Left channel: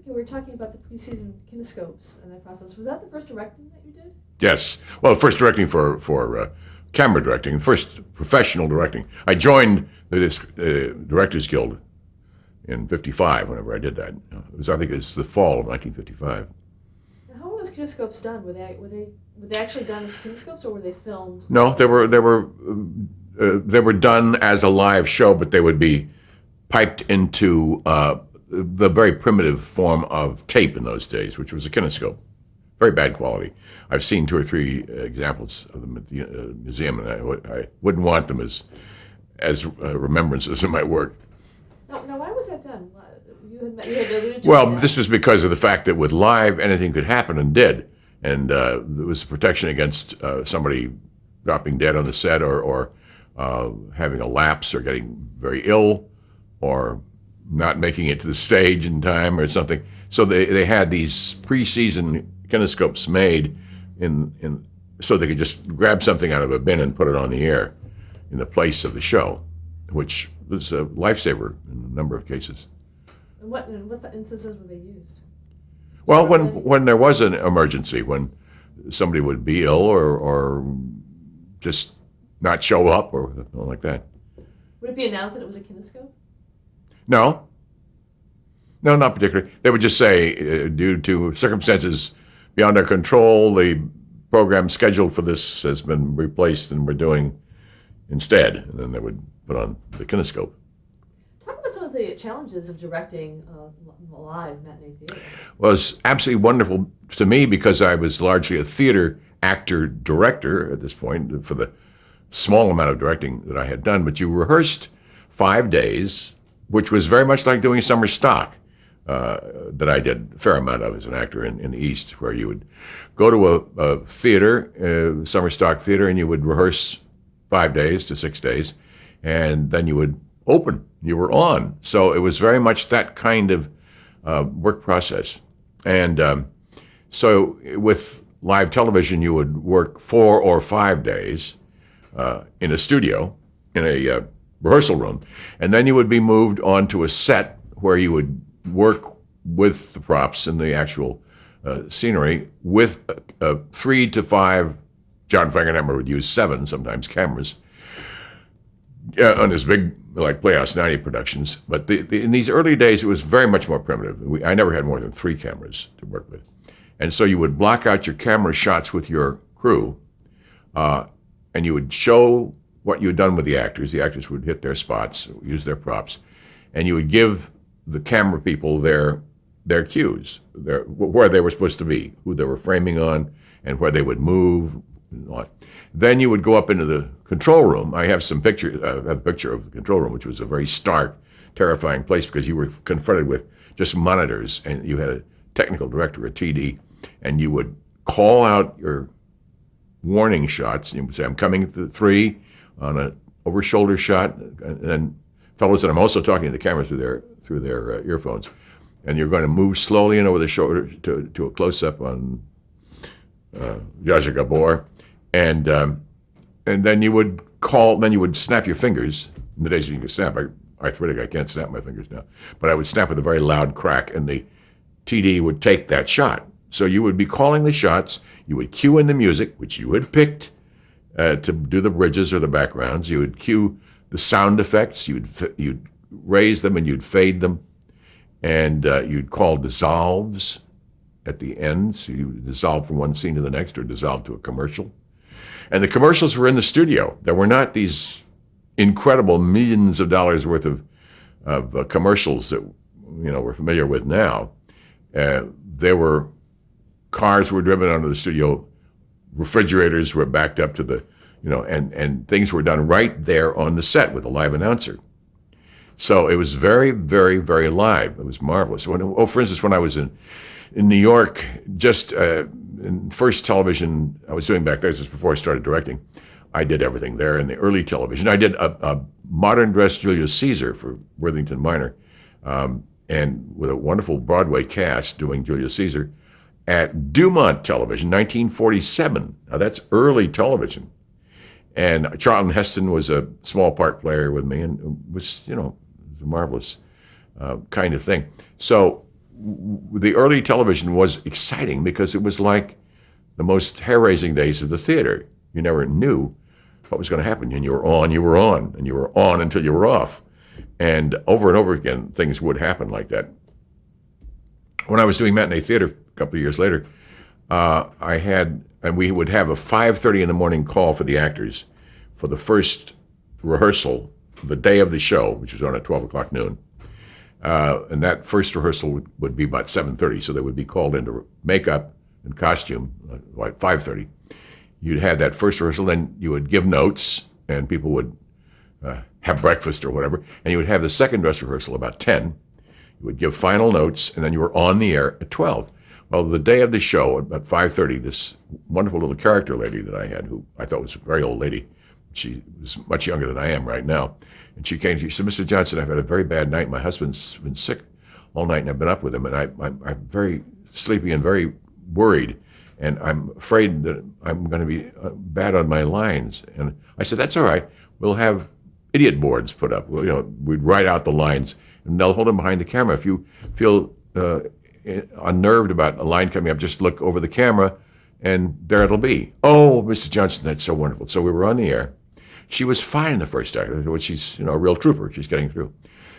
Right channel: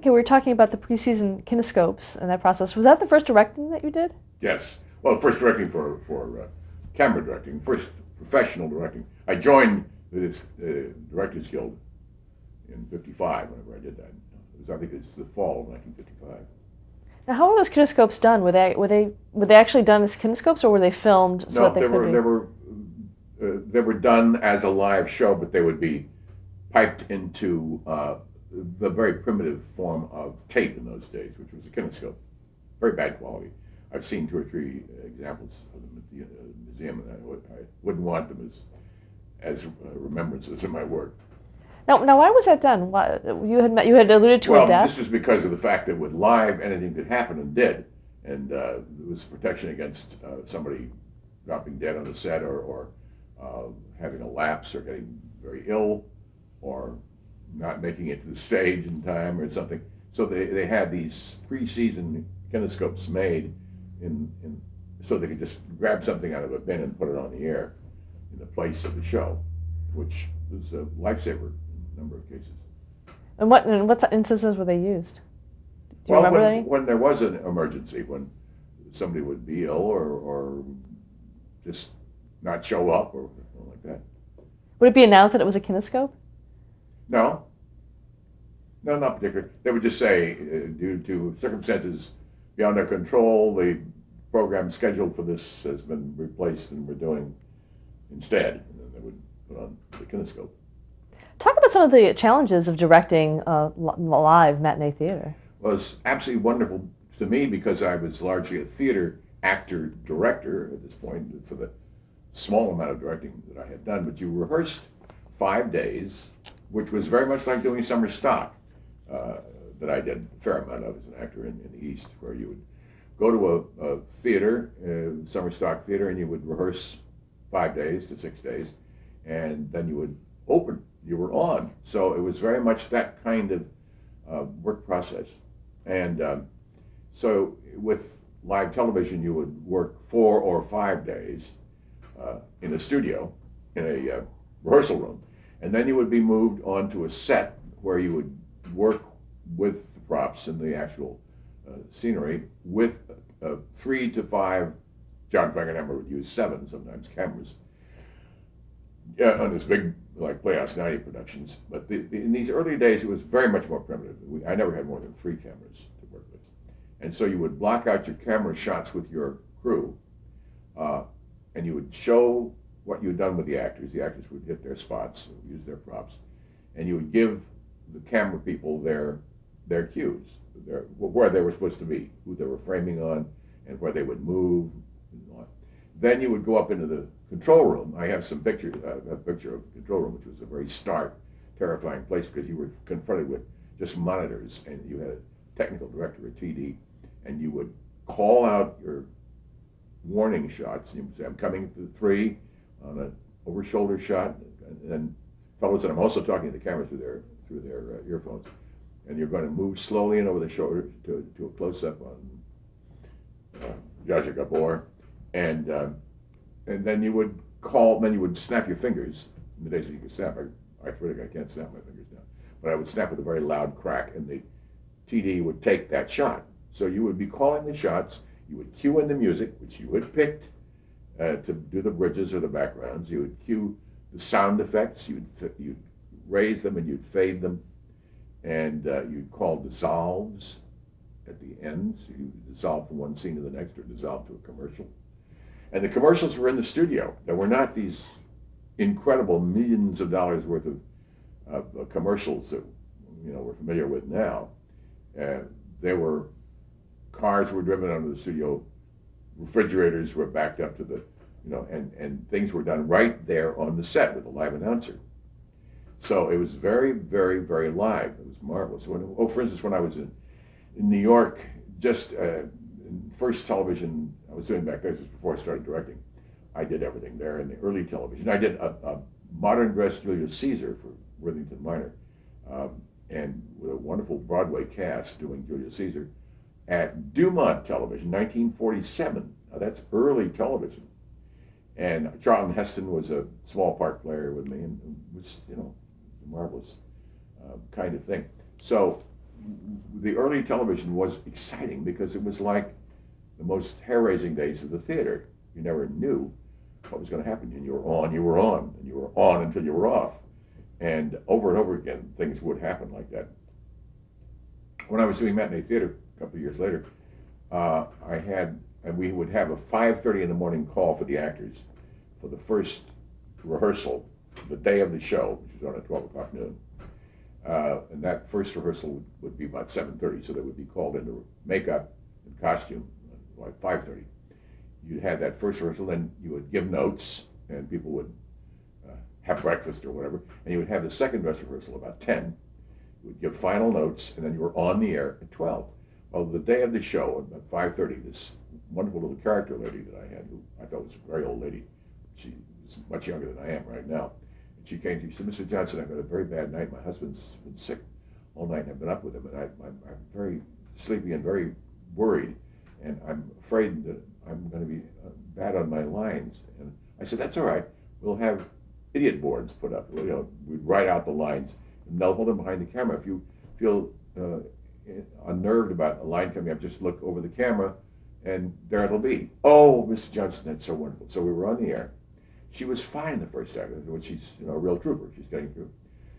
Okay, we were talking about the preseason kinescopes and that process. Was that the first directing that you did? Yes. Well, first directing for camera directing, first professional directing. I joined the Directors Guild in '55. Whenever I did that, I think it was the fall of 1955. Now, how were those kinescopes done? Were they actually done as kinescopes, or were they filmed? So No, that they were done as a live show, but they would be piped into the very primitive form of tape in those days, which was a kinescope. Very bad quality. I've seen 2 or 3 examples of them at the museum, and I wouldn't want them as remembrances of my work. Now, why was that done? You had alluded to Well, a death. this was because of the fact that with live, anything could happen and did, and there was protection against somebody dropping dead on the set, or having a lapse, or getting very ill, or not making it to the stage in time or something. So they had these pre-season kinescopes made in so they could just grab something out of a bin and put it on the air in the place of the show, which was a lifesaver in a number of cases. And what instances were they used? Well, remember any? when there was an emergency, when somebody would be ill or just not show up or something like that. Would it be announced that it was a kinescope? No, not particularly. They would just say, due to circumstances beyond our control, the program scheduled for this has been replaced and we're doing instead. And then they would put on the kinescope. Talk about some of the challenges of directing live matinee theater. Well, it was absolutely wonderful to me because I was largely a theater actor director at this point for the small amount of directing that I had done. But you rehearsed 5 days, which was very much like doing summer stock that I did a fair amount of as an actor in the East, where you would go to a theater, summer stock theater, and you would rehearse 5 days to 6 days, and then you would open. You were on. So it was very much that kind of work process. And so with live television, you would work 4 or 5 days in a studio, in a rehearsal room, and then you would be moved onto a set where you would work with the props and the actual scenery with 3 to 5, John Frankenheimer would use 7 sometimes cameras on his big like Playhouse 90 productions. But in these early days, it was very much more primitive. I never had more than 3 cameras to work with. And so you would block out your camera shots with your crew, and you would show what you had done with the actors. The actors would hit their spots, use their props, and you would give the camera people their cues, where they were supposed to be, who they were framing on, and where they would move. Then you would go up into the control room. I have some pictures. I have a picture of the control room, which was a very stark, terrifying place because you were confronted with just monitors, and you had a technical director, a TD, and you would call out your warning shots. You would say, "I'm coming at the 3 on an over-shoulder shot," and then fellows that I'm also talking to the camera through their earphones, and you're going to move slowly in over the shoulder to a close-up on Zsa Zsa Gabor, and then you would then you would snap your fingers. In the days when you could snap, arthritic, I can't snap my fingers now, but I would snap with a very loud crack, and the TD would take that shot. So you would be calling the shots, you would cue in the music, which you had picked to do the bridges or the backgrounds, you would cue the sound effects, you'd raise them and you'd fade them, and you'd call dissolves at the end, so you would dissolve from one scene to the next or dissolve to a commercial. And the commercials were in the studio. There were not these incredible millions of dollars worth of commercials that we're familiar with now. There were cars were driven onto the studio, refrigerators were backed up to the, and things were done right there on the set with a live announcer. So it was very, very, very live. It was marvelous. For instance, when I was in New York, just in first television I was doing back there, this was before I started directing, I did everything there in the early television. I did a modern dress Julius Caesar for Worthington Minor, and with a wonderful Broadway cast doing Julius Caesar at Dumont Television, 1947. Now that's early television. And Charlton Heston was a small part player with me, and it was, a marvelous kind of thing. So the early television was exciting because it was like the most hair-raising days of the theater. You never knew what was going to happen, and you were on, and you were on until you were off. And over again, things would happen like that. When I was doing matinee theater a couple of years later, we would have a 5:30 in the morning call for the actors for the first rehearsal, the day of the show, which was on at 12 o'clock noon. And that first rehearsal would be about 7:30, so they would be called into makeup and costume, like 5:30. You'd have that first rehearsal, then you would give notes, and people would have breakfast or whatever, and you would have the second dress rehearsal about 10. You would give final notes, and then you were on the air at 12. Well, the day of the show, at 5:30, this wonderful little character lady that I had, who I thought was a very old lady, she was much younger than I am right now, and she came to me, she said, "Mr. Johnson, I've had a very bad night. My husband's been sick all night, and I've been up with him, and I'm very sleepy and very worried, and I'm afraid that I'm going to be bad on my lines." And I said, "That's all right. We'll have idiot boards put up. We'd write out the lines, and they'll hold them behind the camera. If you feel unnerved about a line coming up, just look over the camera, and there it'll be." "Oh, Mr. Johnson, that's so wonderful." So we were on the air. She was fine in the first act. She's a real trooper. She's getting through.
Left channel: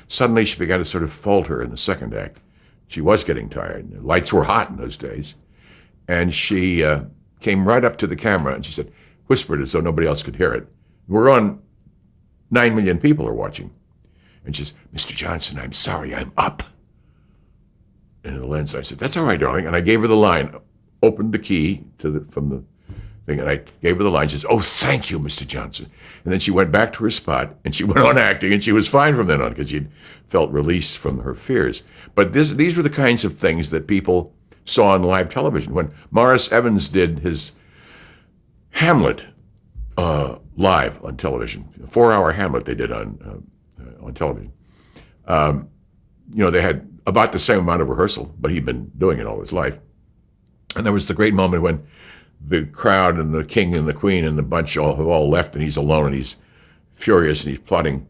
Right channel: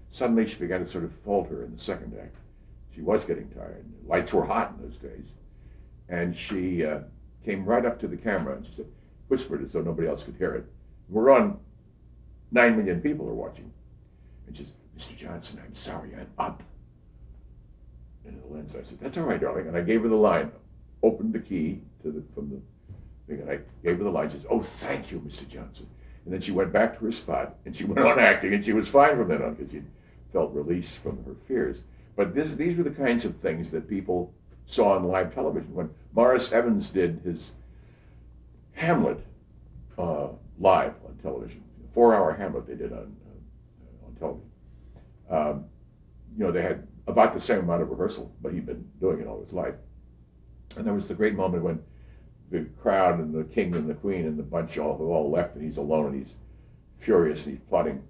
Suddenly, she began to sort of falter in the second act. She was getting tired. The lights were hot in those days. And she came right up to the camera, and she said, whispered as though nobody else could hear it, "We're on, 9 million people are watching." And she says, "Mr. Johnson, I'm sorry, I'm up." And in the lens, I said, "That's all right, darling." And I gave her the line, opened the key from the thing, and I gave her the line. She says, "Oh, thank you, Mr. Johnson." And then she went back to her spot, and she went on acting, and she was fine from then on because she'd felt released from her fears. But these were the kinds of things that people saw on live television. When Morris Evans did his Hamlet live on television, a 4-hour Hamlet they did on television, they had about the same amount of rehearsal, but he'd been doing it all his life. And there was the great moment when the crowd and the king and the queen and the bunch have all left, and he's alone, and he's furious, and he's plotting,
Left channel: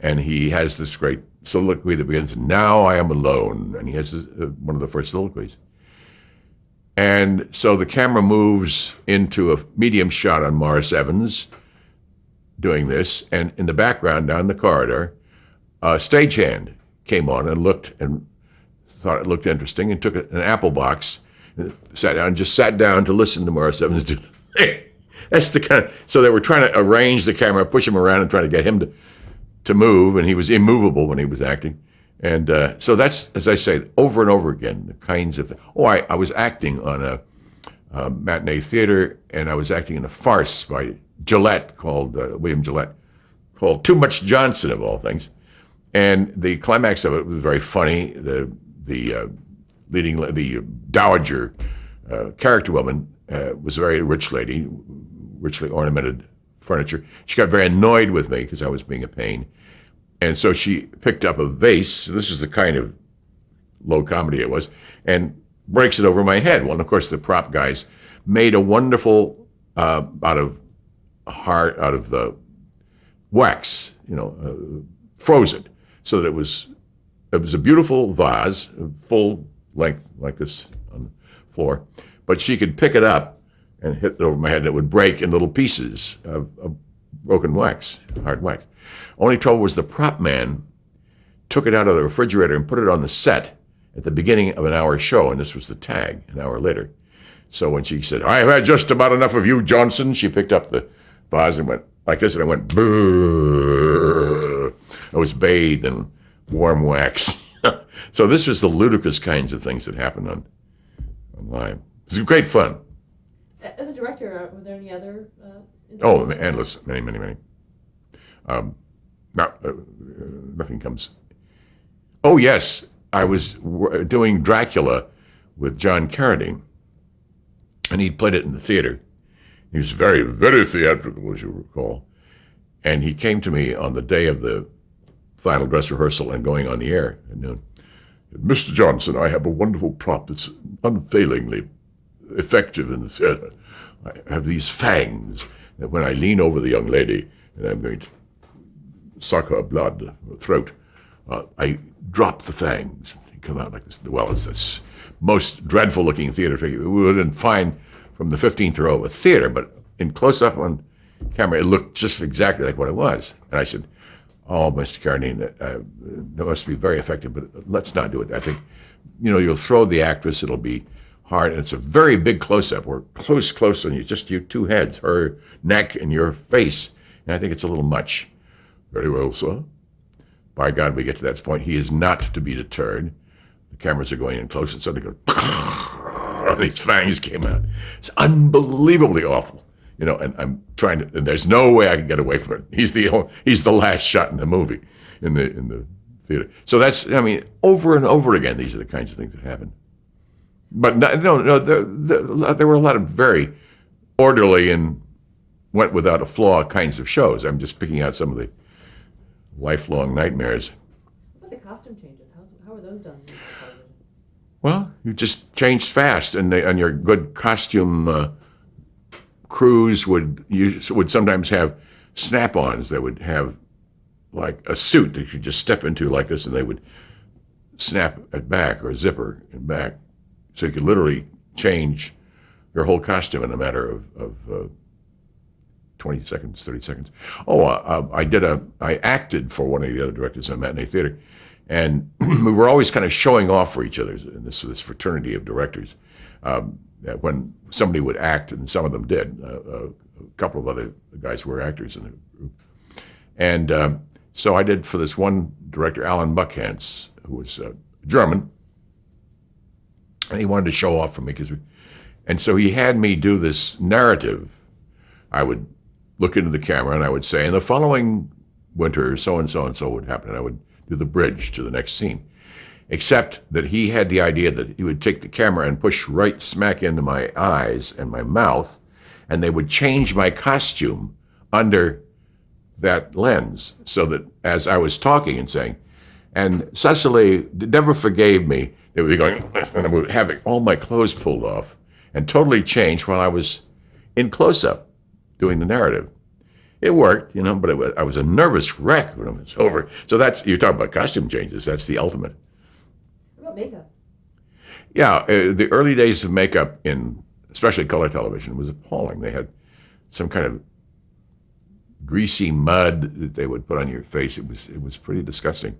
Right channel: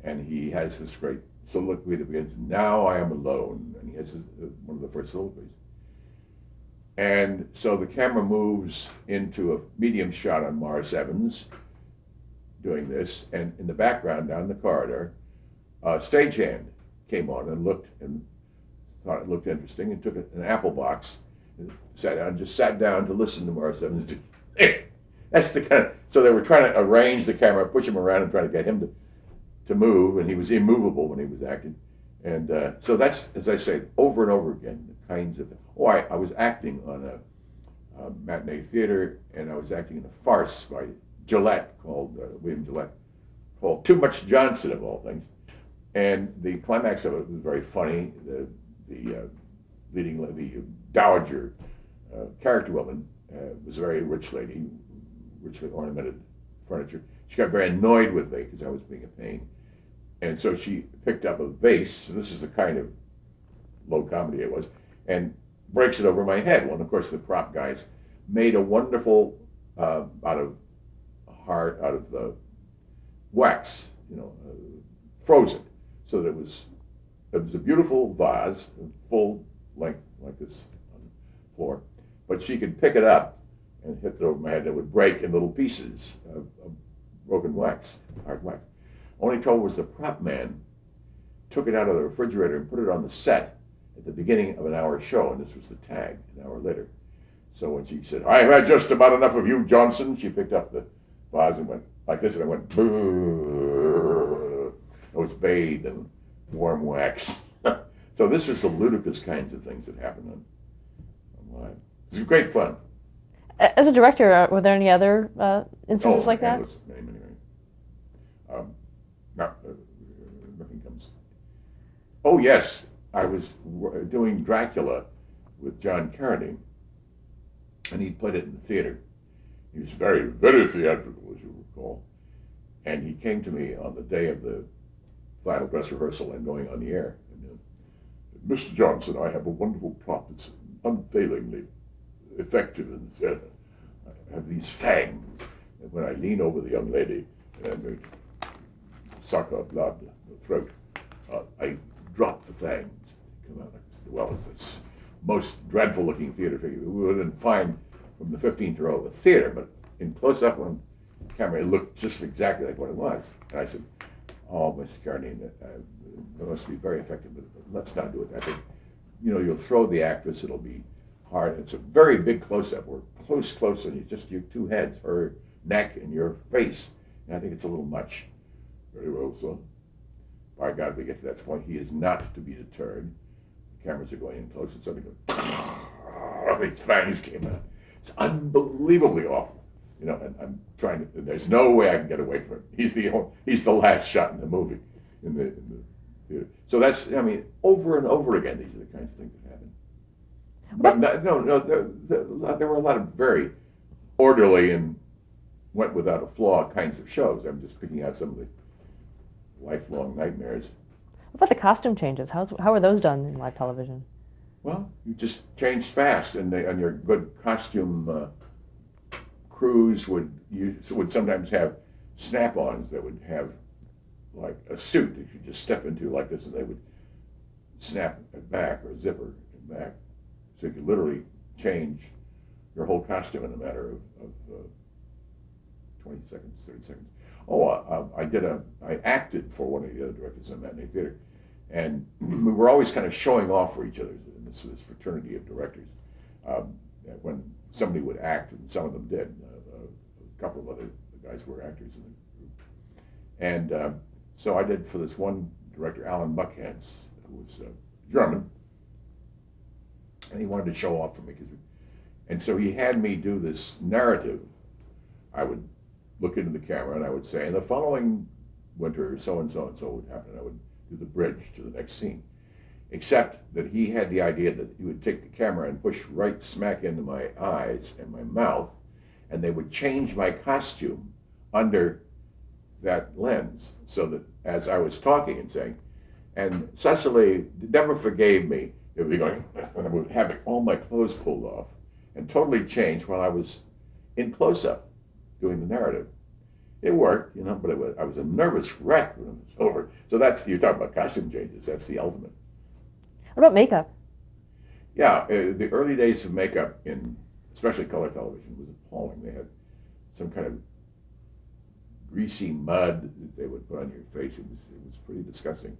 and he has this great soliloquy that begins, "Now I am alone," and he has one of the first soliloquies. And so the camera moves into a medium shot on Morris Evans doing this, and in the background down the corridor, a stagehand came on and looked and thought it looked interesting and took an apple box, and sat down to listen to Morris Evans do. That's the kind of, so they were trying to arrange the camera, push him around and try to get him to move, and he was immovable when he was acting. And so that's, as I say, over and over again, the kinds of, I was acting on a matinee theater, and I was acting in a farce by Gillette called, William Gillette, called Too Much Johnson, of all things. And the climax of it was very funny. The dowager character woman was a very rich lady, richly ornamented furniture. She got very annoyed with me because I was being a pain. And so she picked up a vase. This is the kind of low comedy it was, and breaks it over my head. Well, and of course, the prop guys made a wonderful out of wax, frozen, so that it was a beautiful vase, full length like this on the floor. But she could pick it up and hit it over my head, and it would break in little pieces of broken wax, hard wax. Only trouble was the prop man took it out of the refrigerator and put it on the set at the beginning of an hour show, and this was the tag an hour later. So when she said, "I've had just about enough of you, Johnson," she picked up the vase and went like this, and I went, "Brrr." I was bathed in warm wax. So this was the ludicrous kinds of things that happened on live. It was great fun. As a director, were there any other instances like endless, that? many. Nothing comes. Oh, yes. I was doing Dracula with John Carradine, and he played it in the theater. He was very, very theatrical, as you recall. And he came to me on the day of the final dress rehearsal and going on the air at noon. "Mr. Johnson, I have a wonderful prop that's unfailingly effective in the theater. I have these fangs that when I lean over the young lady and I'm going to suck her blood, her throat, I drop the fangs. come out like this. Well, it's this most dreadful looking theater figure. We wouldn't find from the 15th row of a theater, but in close up on camera, it looked just exactly like what it was. And I said, "Oh, Mr. Carradine, that must be very effective, but let's not do it. I think, you'll throw the actress, it'll be hard, and it's a very big close-up. We're close on you, just your two heads, her neck and your face, and I think it's a little much." "Very well, sir." By God, we get to that point. He is not to be deterred. The cameras are going in close, and suddenly these fangs came out. It's unbelievably awful. And I'm trying to, and there's no way I can get away from it. He's the last shot in the movie, in the theater. So that's, over and over again, these are the kinds of things that happen. But no, there were a lot of very orderly and went without a flaw kinds of shows. I'm just picking out some of the lifelong nightmares. What about the costume changes? How are those done in live television? Well, you just changed fast, and your good costume crews would sometimes have snap-ons. They would have like a suit that you just step into like this, and they would snap it back or zipper it back, so you could literally change your whole costume in a matter of 20 seconds, 30 seconds. I acted for one of the other directors on Matinee Theater, and we were always kind of showing off for each other in this fraternity of directors. When somebody would act, and some of them did, a couple of other guys were actors in the group. And so I did for this one director, Alan Buckhantz, who was German, and he wanted to show off for me. And so he had me do this narrative. I would look into the camera and I would say, in the following winter, so and so and so would happen. And I would do the bridge to the next scene. Except that he had the idea that he would take the camera and push right smack into my eyes and my mouth, and they would change my costume under that lens, so that as I was talking and saying, and Cecily never forgave me, they would be going, and I would have all my clothes pulled off and totally changed while I was in close-up doing the narrative. It worked, but I was a nervous wreck when it was over. So you're talking about costume changes. That's the ultimate. What about makeup? Yeah, the early days of makeup in especially color television was appalling. They had some kind of greasy mud that they would put on your face. It was pretty disgusting.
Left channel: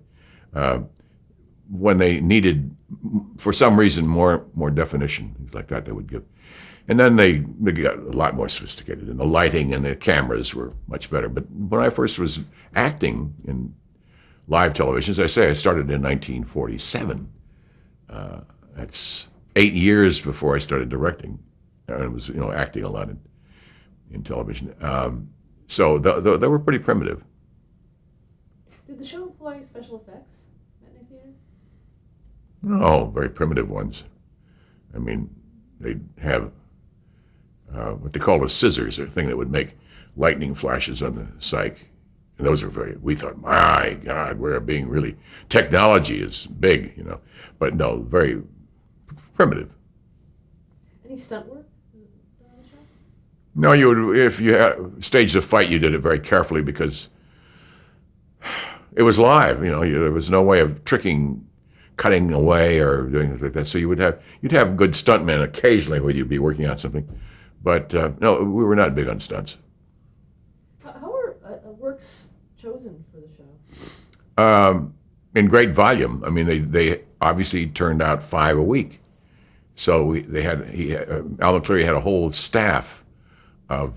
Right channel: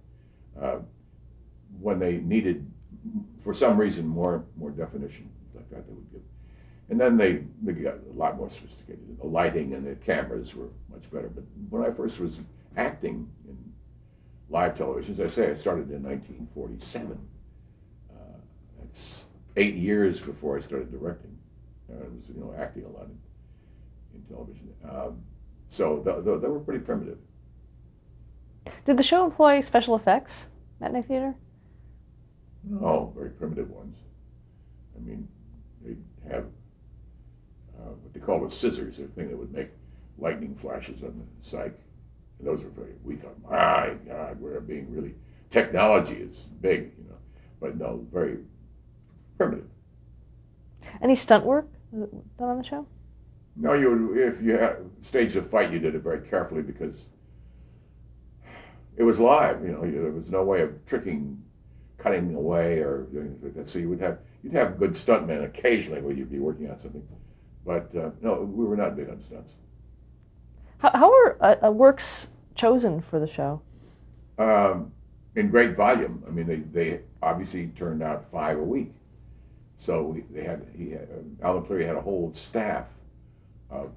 When they needed, for some reason, more definition, things like that, they would give. And then they got a lot more sophisticated, and the lighting and the cameras were much better. But when I first was acting in live television, as I say, I started in 1947. That's 8 years before I started directing. I was, acting a lot in television. So they were pretty primitive. Did the show employ special effects, Matinee Theater? Oh, very primitive ones. They'd have what they called scissors, a thing that would make lightning flashes on the cyc. And those were we thought, my God, we're being really, technology is big, But no, very primitive. Any stunt work done on the show? No, if you had staged a fight, you did it very carefully because it was live. There was no way of cutting away or doing things like that. So you'd have good stuntmen occasionally where you'd be working on something, but no, we were not big on stunts. How were works chosen for the show? In great volume. They obviously turned out 5 a week. So Al McCleary had a whole staff of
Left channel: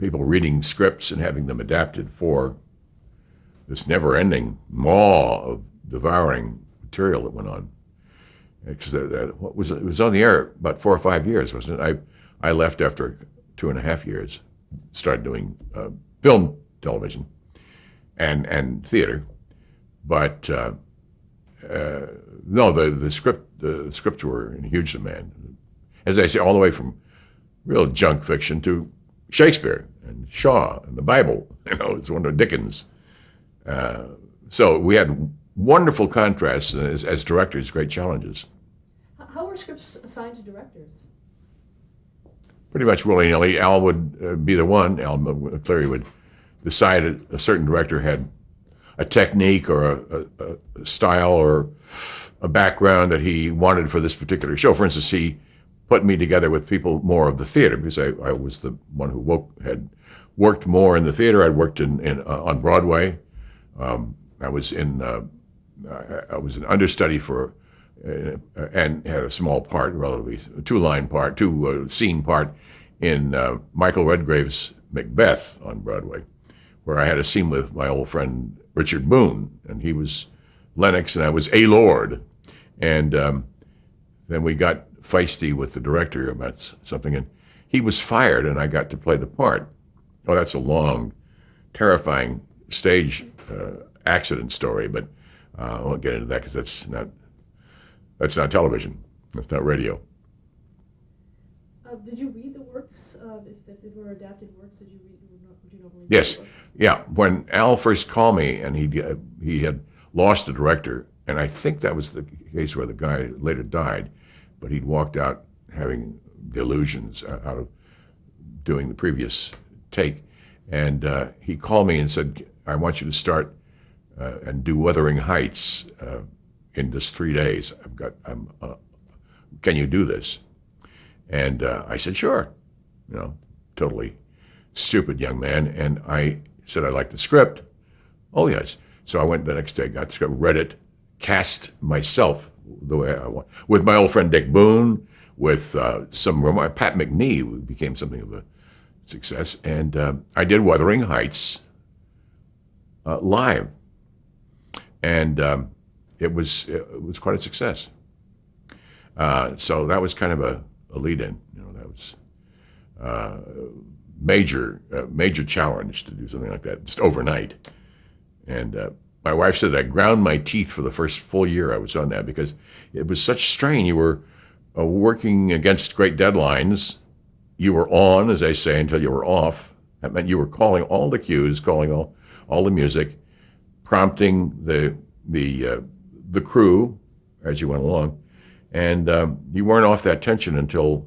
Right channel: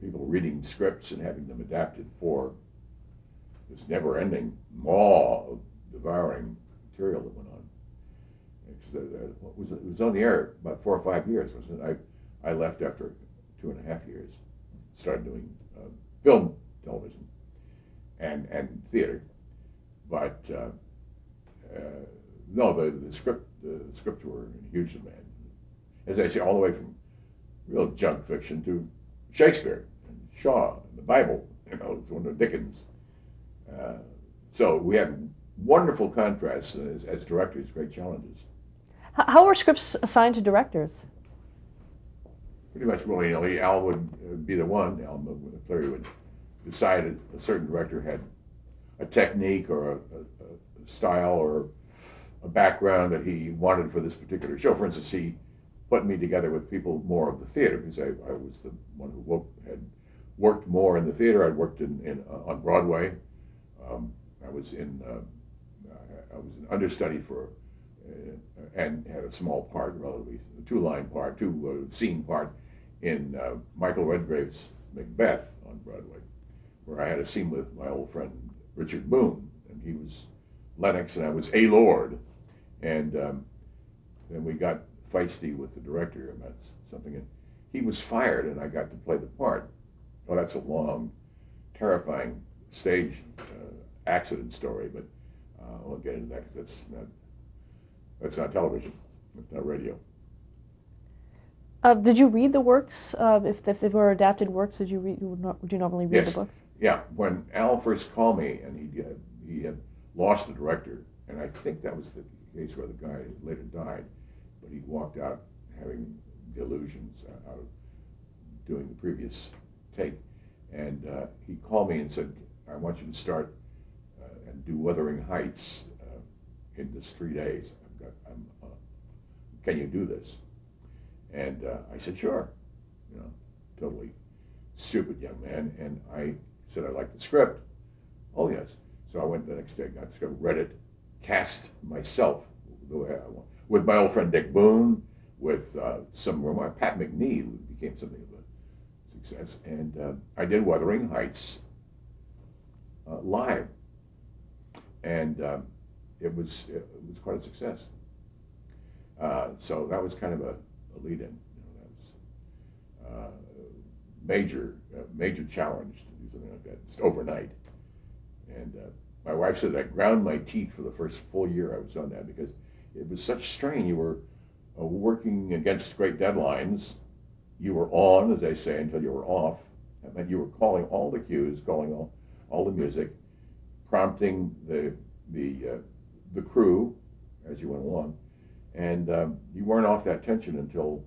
people reading scripts and having them adapted for this never-ending maw of devouring material that went on. Because it was on the air about 4 or 5 years, wasn't it? I left after 2.5 years, started doing film television and theater, but no, the scripts were in huge demand. As I say, all the way from real junk fiction to Shakespeare and Shaw and the Bible. It's one of Dickens. So we had wonderful contrasts as directors, great challenges. How were scripts assigned to directors? Pretty much willy-nilly. Al would be the one. Al McCleary would decide a certain director had a technique or a style or a background that he wanted for this particular show. For instance, he put me together with people more of the theater because I was the one who had worked more in the theater. I'd worked on Broadway. I was an understudy for, and had a small part, relatively two scene part in Michael Redgrave's Macbeth on Broadway, where I had a scene with my old friend Richard Boone, and he was Lennox and I was a Lord, and then we got feisty with the director about something, and he was fired, and I got to play the part. Oh, that's a long, terrifying stage accident story, but I won't get into that because that's not television. That's not radio. Did you read the works? If they were adapted works, would you normally read Yes. the book? Yeah. When Al first called me, and he had lost a director, and I think that was the case where the guy later died, but he'd walked out having delusions out of doing the previous take, and he called me and said, "I want you to start and do Wuthering Heights in just 3 days. Can you do this?" And I said, "Sure." Totally stupid young man. And I said, "I like the script." "Oh, yes." So I went the next day, got the script, read it, cast myself the way I want, with my old friend Dick Boone, with Pat McNee, who became something of a success. And I did Wuthering Heights live. And it was quite a success. So that was kind of a lead-in. That was major challenge to do something like that just overnight. And my wife said I ground my teeth for the first full year I was on that because it was such strain. You were working against great deadlines. You were on, as they say, until you were off. That meant you were calling all the cues, calling all the music, prompting the crew as you went along, and you weren't off that tension until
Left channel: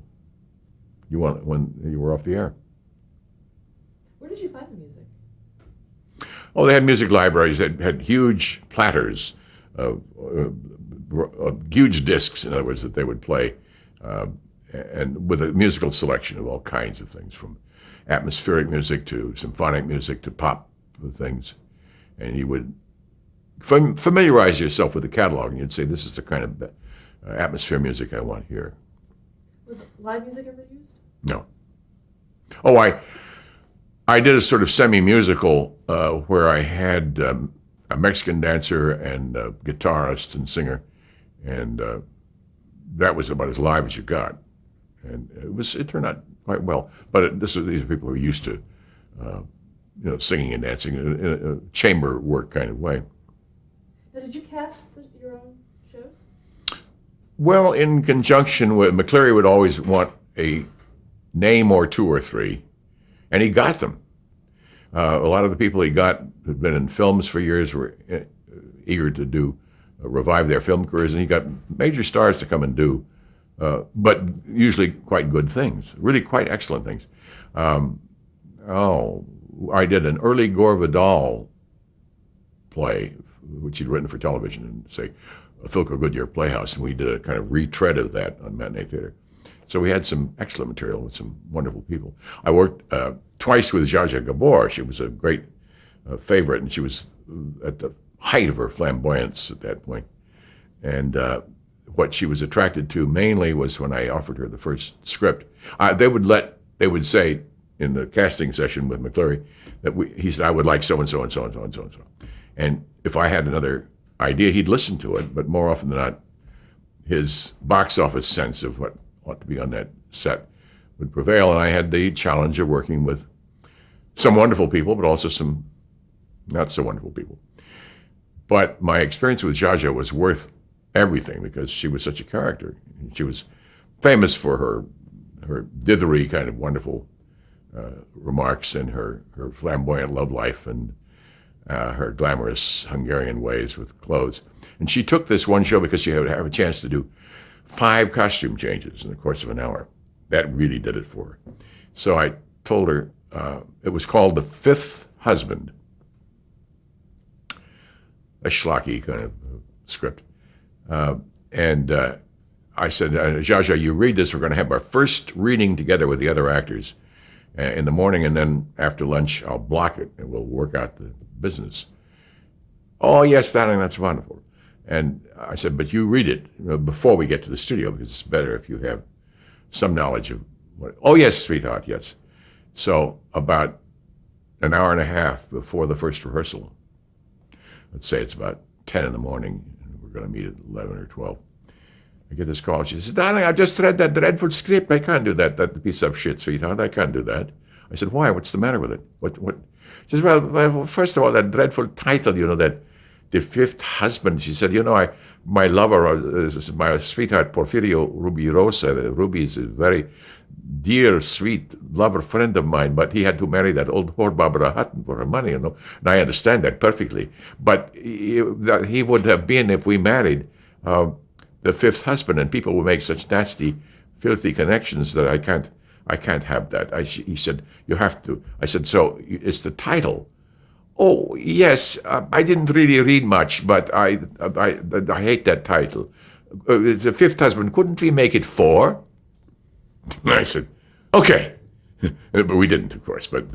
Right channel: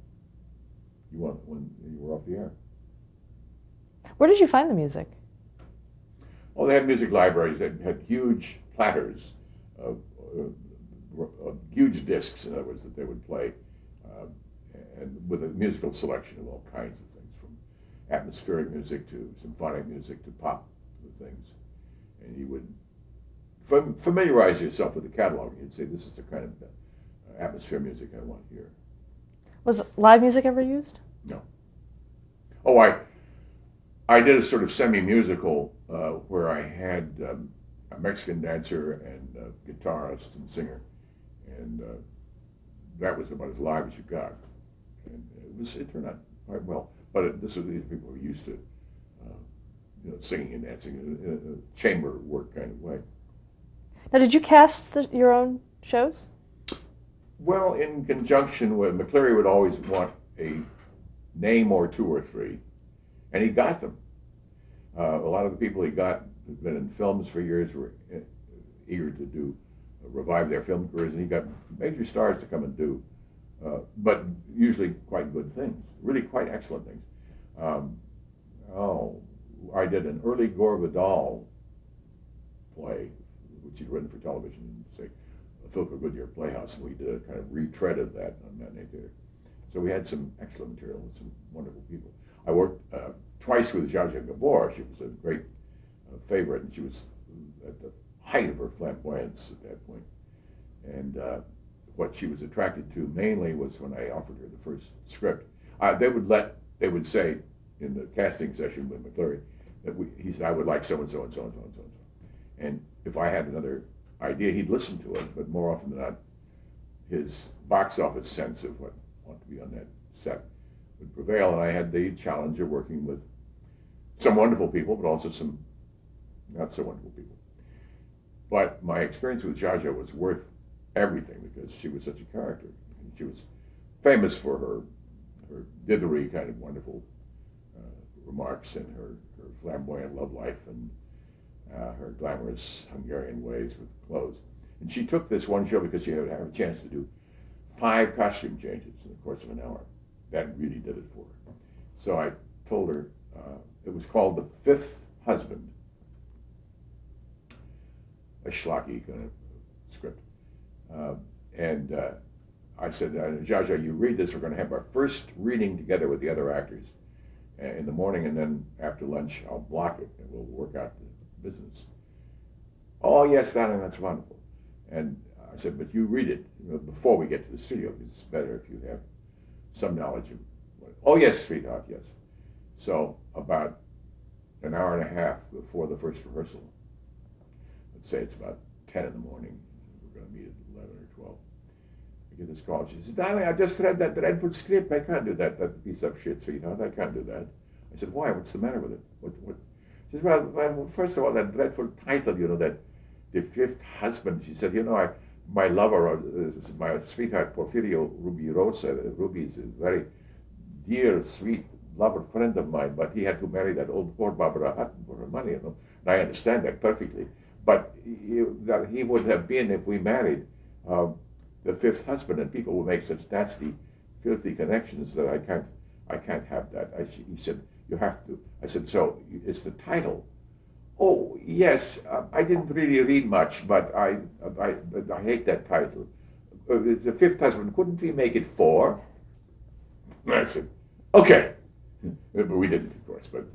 when you were off the air. Where did you find the music? Oh, they had music libraries that had huge platters, huge discs, in other words, that they would play, and with a musical selection of all kinds of things, from atmospheric music to symphonic music to pop things. And you would familiarize yourself with the catalog, and you'd say, "This is the kind of atmosphere music I want here." Was live music ever used? No. Oh, I did a sort of semi-musical where I had a Mexican dancer and a guitarist and singer, and that was about as live as you got. And it turned out quite well. But these are people who are used to singing and dancing in a chamber work kind of way. Now, did you cast your own shows? Well, in conjunction with McCleary would always want a name or two or three, and he got them. A lot of the people he got had been in films for years, were eager to revive their film careers, and he got major stars to come and do, but usually quite good things, really quite excellent things. I did an early Gore Vidal play, which he'd written for television, and say, a Philco Goodyear Playhouse, and we did a kind of retread of that on Matinee Theater. So we had some excellent material with some wonderful people. I worked twice with Zsa Zsa Gabor. She was a great favorite, and she was at the height of her flamboyance at that point. And what she was attracted to mainly was when I offered her the first script. They would say in the casting session with McCleary that he said, "I would like so and so and so and so and so and so." And if I had another idea, he'd listen to it, but more often than not, his box office sense of what ought to be on that set would prevail. And I had the challenge of working with some wonderful people, but also some not so wonderful people. But my experience with Zsa Zsa was worth everything because she was such a character. She was famous for her dithery kind of wonderful remarks and her flamboyant love life and her glamorous Hungarian ways with clothes. And she took this one show because she would have a chance to do 5 costume changes in the course of an hour. That really did it for her. So I told her, it was called The Fifth Husband. a schlocky kind of script. And I said, Zsa Zsa, you read this. We're going to have our first reading together with the other actors in the morning, and then after lunch, I'll block it, and we'll work out the business. Oh, yes, darling, that's wonderful. And I said, but you read it before we get to the studio, because it's better if you have some knowledge of what. Oh, yes, sweetheart, yes. So about an hour and a half before the first rehearsal, let's say it's about 10 in the morning, we're going to meet at 11 or 12. I get this call. She says, darling, I just read that dreadful script. I can't do that. That piece of shit, sweetheart. I can't do that. I said, why? What's the matter with it? What? She says, well, first of all, that dreadful title, that The Fifth Husband. She said, my lover, my sweetheart, Porfirio Rubirosa. Ruby is a very dear, sweet lover friend of mine, but he had to marry that old whore Barbara Hutton for her money, And I understand that perfectly. But that he would have been, if we married, the fifth husband, and people will make such nasty, filthy connections that I can't have that. He said, you have to. I said, so it's the title. Oh, yes, I didn't really read much, but I hate that title. The fifth husband, couldn't we make it 4? And I said, okay. But we didn't, of course, but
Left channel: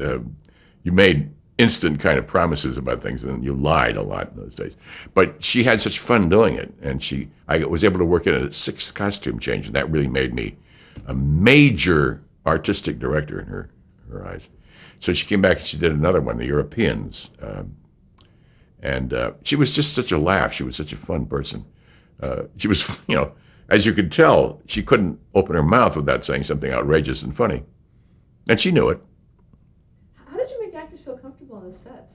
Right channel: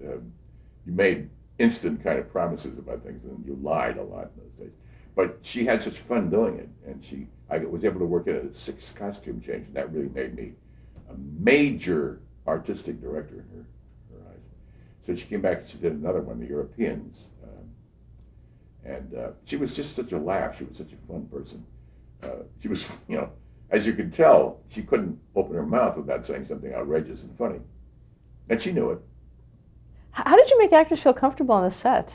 you made instant kind of promises about things, and you lied a lot in those days. But she had such fun doing it, and I was able to work in a 6th costume change, and that really made me a major artistic director in her eyes. So she came back and she did another one, The Europeans, and she was just such a laugh. She was such a fun person. She was, as you could tell, she couldn't open her mouth without saying something outrageous and funny, and she knew it. How did you make actors feel comfortable on the set?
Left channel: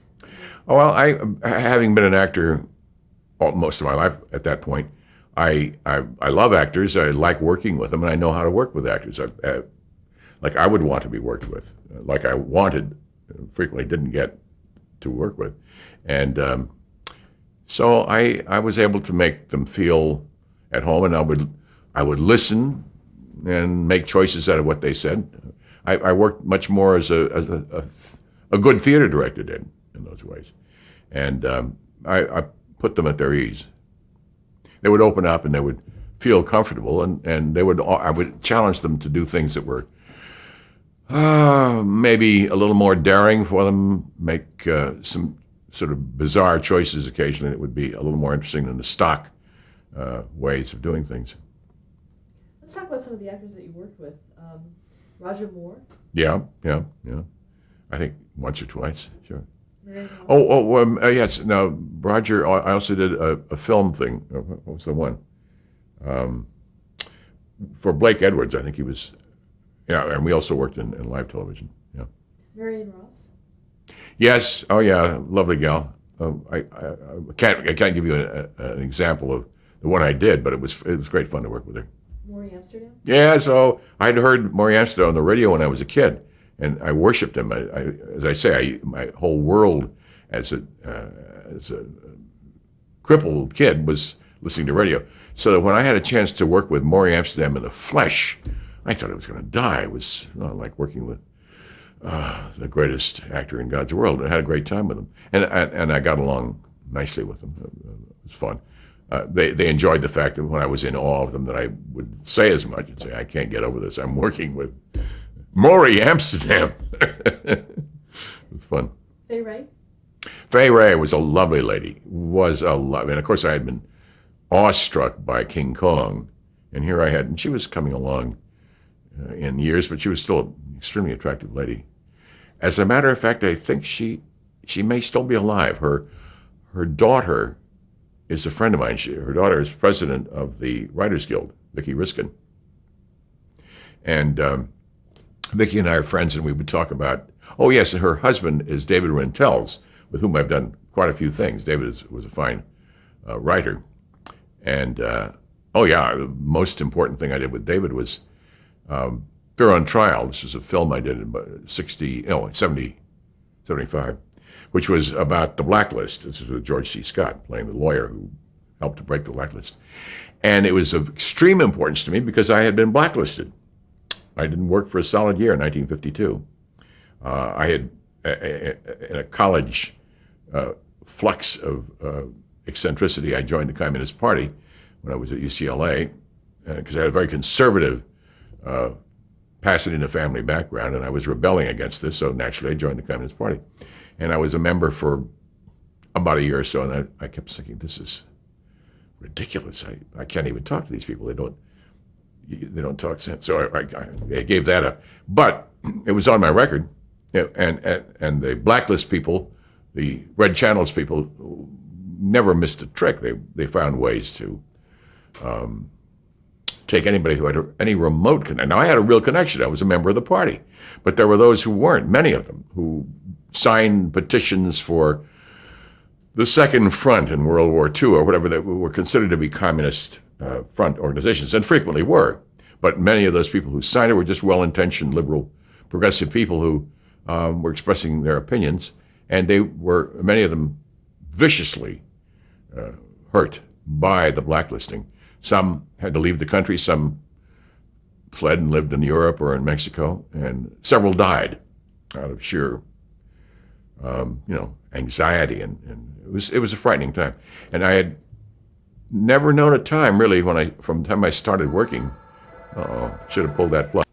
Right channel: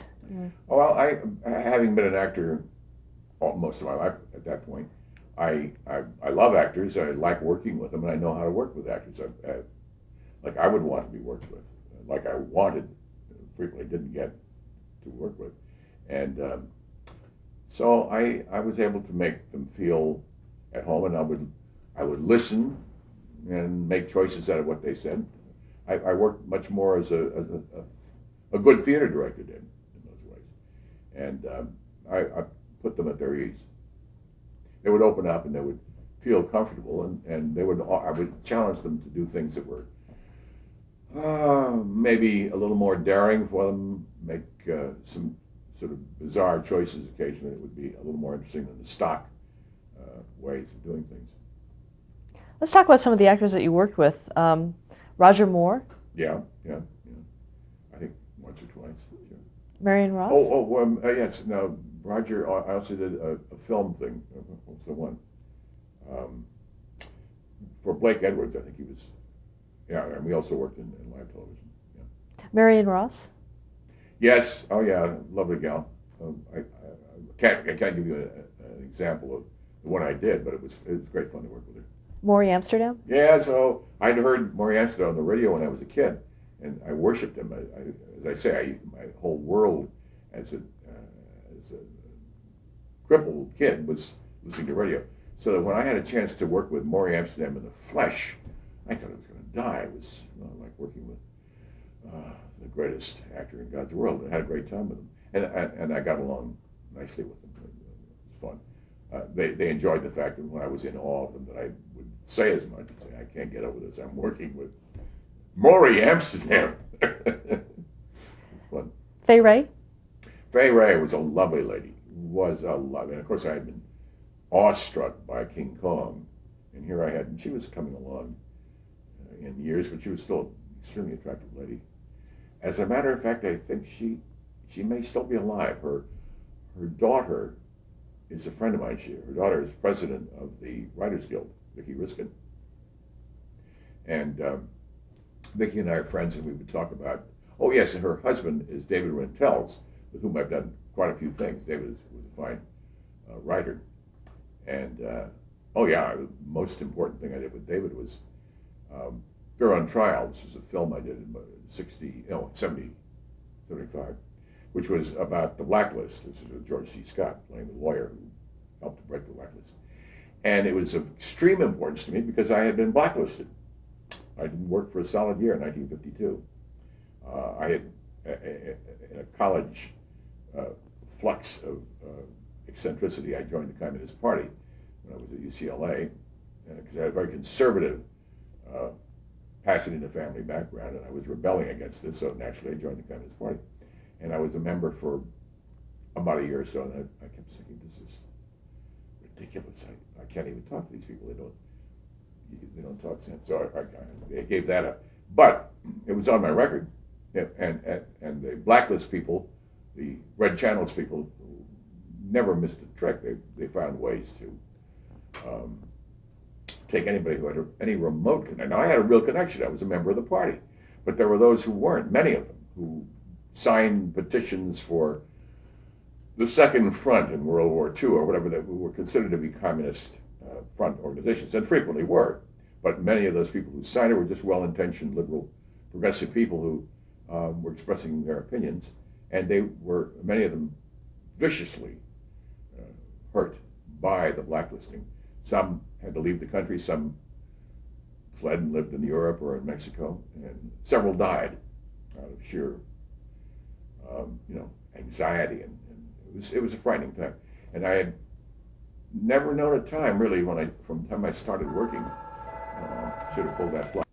Oh, well, having been an actor most of my life at that point, I love actors. I like working with them, and I know how to work with actors. Like I would want to be worked with, like I wanted, frequently didn't get to work with. And so I was able to make them feel at home, and I would listen and make choices out of what they said. I worked much more as a good theater director did in those ways, and I put them at their ease. They would open up and they would feel comfortable, and I would challenge them to do things that were maybe a little more daring for them, make some sort of bizarre choices occasionally that would be a little more interesting than the stock ways of doing things. Let's talk about some of the actors that you worked with. Roger Moore. Yeah. I think once or twice, sure. Marion Ross. Yes. Now, Roger, I also did a film thing. What was the one? For Blake Edwards, I think he was. Yeah, and we also worked in live television. Yeah. Marion Ross. Yes. Oh, yeah. Lovely gal. I can't give you an example of the one I did, but it was great fun to work with her. Maury Amsterdam. Yeah. So I'd heard Maury Amsterdam on the radio when I was a kid, and I worshipped him. As I say, my whole world as a crippled kid was listening to radio. So that when I had a chance to work with Maury Amsterdam in the flesh, I thought I was going to die. It was like working with the greatest actor in God's world. I had a great time with him, and I got along nicely with him. It was fun. They enjoyed the fact that when I was in awe of them that I would say as much and say, I can't get over this. I'm working with Maury Amsterdam. It was fun. Fay Wray? Fay Wray was a lovely lady. And of course I had been awestruck by King Kong. And here I had, and she was coming along in years, but she was still an extremely attractive lady. As a matter of fact, I think she may still be alive. Her daughter is a friend of mine. Her daughter is president of the Writers Guild, Vicki Riskin. And Vicki and I are friends, and we would talk about, oh yes, and her husband is David Rentels, with whom I've done quite a few things. David was a fine writer. And the most important thing I did with David was Fear on Trial. This was a film I did in 75, which was about the blacklist. This was with George C. Scott playing the lawyer who helped to break the blacklist. And it was of extreme importance to me because I had been blacklisted. I didn't work for a solid year in 1952. I had, in a college flux of eccentricity, I joined the Communist Party when I was at UCLA because I had a very conservative Pasadena family background, and I was rebelling against this, so naturally I joined the Communist Party. And I was a member for about a year or so, and I kept thinking, this is ridiculous. I can't even talk to these people. They don't talk sense. So I gave that up. But it was on my record, and the blacklist people, the red channels people, never missed a trick. They found ways to take anybody who had any remote connection. Now, I had a real connection. I was a member of the party. But there were those who weren't, many of them, who signed petitions for the Second Front in World War II or whatever, that were considered to be communist front organizations, and frequently were. But many of those people who signed it were just well-intentioned, liberal, progressive people who were expressing their opinions, and they were, many of them, viciously hurt by the blacklisting. Some had to leave the country, some fled and lived in Europe or in Mexico, and several died out of sheer, anxiety, and it was a frightening time. And I had never known a time really from the time I started working. Should have pulled that plug.